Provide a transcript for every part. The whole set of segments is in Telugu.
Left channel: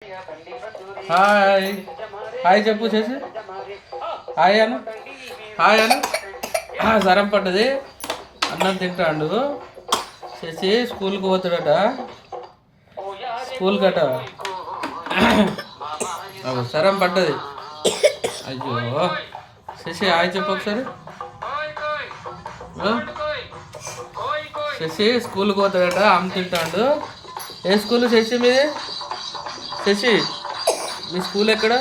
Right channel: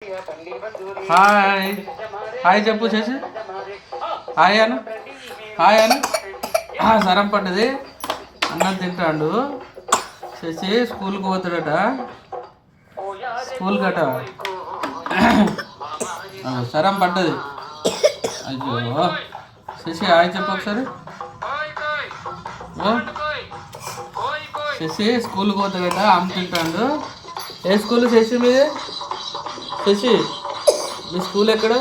హాయ్ హాయ్ చెప్పు చేసి హాయ్ అను హాయ్ అను సరం పడ్డది అన్నం తింటాడు శశి స్కూల్కి పోతాడట స్కూల్ కట సరం పడ్డది అయ్యో శశి హాయ్ చెప్పు ఒకసారి శశి స్కూల్కి పోతాడట అమ్మ తింటాడు ఏ స్కూల్ శశి మీది శశి మీ స్కూల్ ఎక్కడ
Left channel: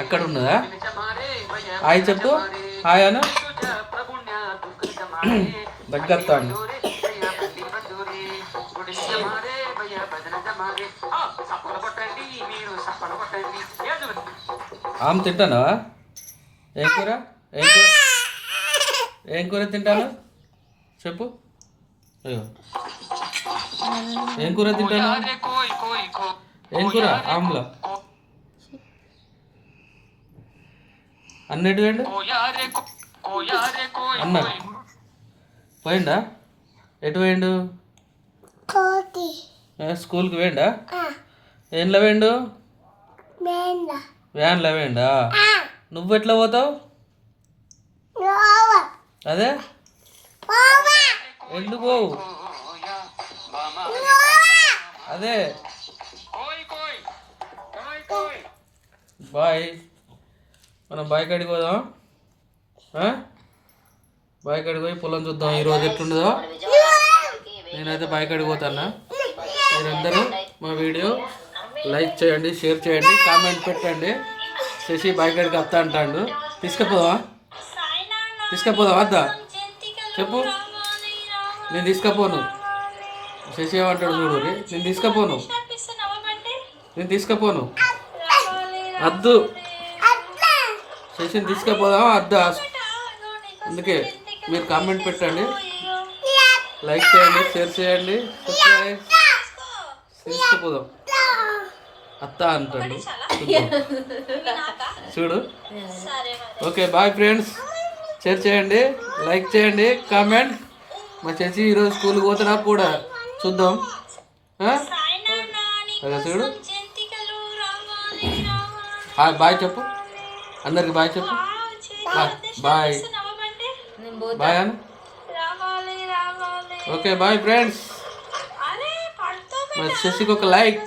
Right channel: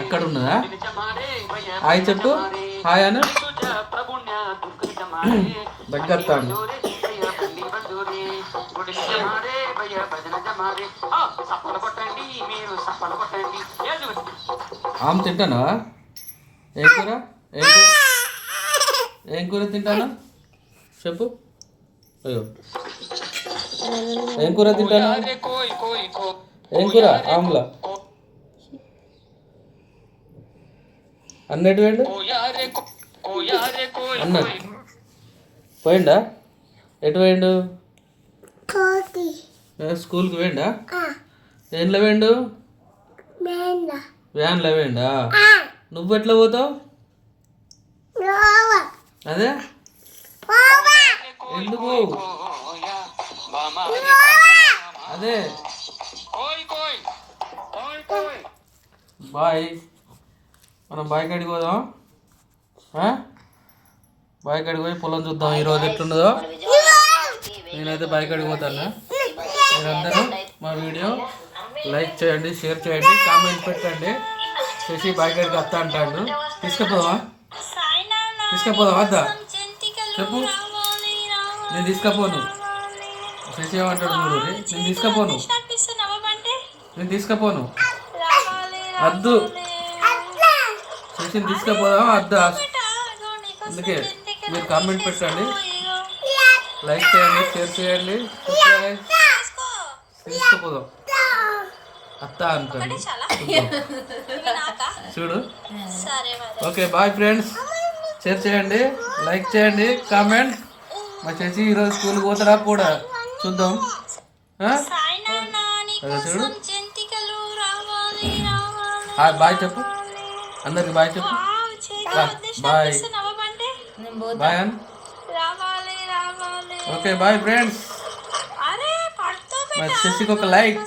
ఎక్కడ ఉన్నదా హాయ్ చెప్పు హాయ్ అను దగ్గరతాండి ఆమె తింటానా ఏం కూర ఏం కూర తింటాను చెప్పు అయ్యో ఏం కూర తింటాను ఏం కూర ఆమ్లా అన్నట్టు వేయండు అన్న పోయిండా ఎటు పోయిండు స్కూల్కి వేయండా ఏంలో వేయండు వ్యాన్లో వేయండా నువ్వు ఎట్లా పోతావు అదే ఎందుకు పోవు అదే బాయ్ మనం బాయ్ కాడికి పోదాం బాయ్ కాడికి పోయి పొలం చూద్దాం ఈరోజు ఎట్లుండదో నేనైతే బాయ్ కాడికి పోతాను మీరందరూ మా వీడియో లైక్ చేయండి షేర్ చేయండి కామెంట్ పెట్టండి శశి బాయ్ కాడికి వస్తా అంటాడు తీసుకుపోదాం వద్దా చెప్పు నేను తీసుకపోను శశి ఏమంటాడు చూడు నేను తీసుకపోను వద్దు శశిని తీసుకుపోదాం వద్దా అందుకే మీరు కామెంట్ పెట్టండి లైక్ చేయండి షేర్ చేయండి తీసుకుపోదాం అత్త అంటాడు చూడు ఓకే బాయ్ ఫ్రెండ్స్ షేర్ చేయండి లైక్ చేయండి కామెంట్ మా చేసి ఈరోజు స్కూల్కి పోతాడా కూడా చూద్దాం అదే చూడు బాయ్ చెప్పు అందరికి బాయ్ చెప్పు బాయ్ బాయ్ అను ఓకే బాయ్ ఫ్రెండ్స్ మా శశికి ఒక లైక్